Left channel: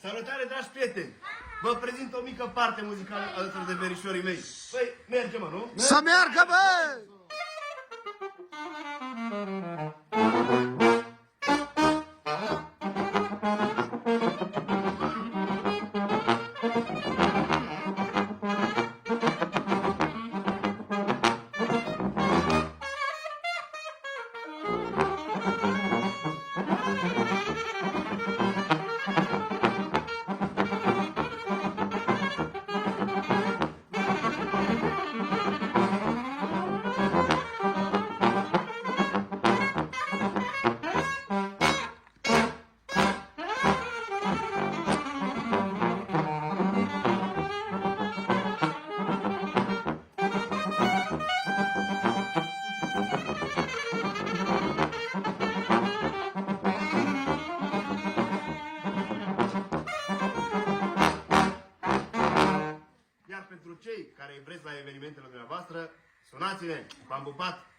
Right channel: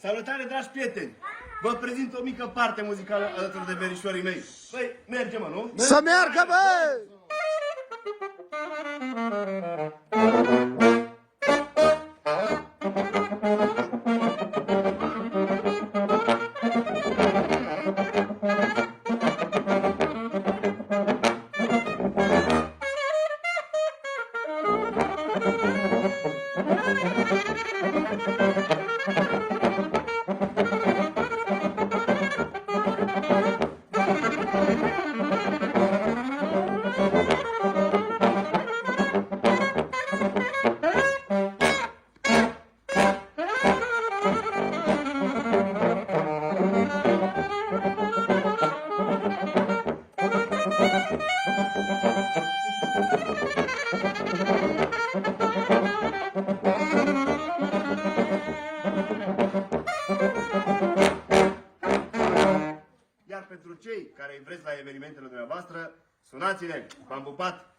Salutare, dragi prieteni! Vă prezint o mică parte muzicală alături de verișorii mei. Păi, mergem, mă, nu? Să meargă, bă! Iar pentru cei care vreți la evenimentele dumneavoastră, sunați-ne! V-am pupat!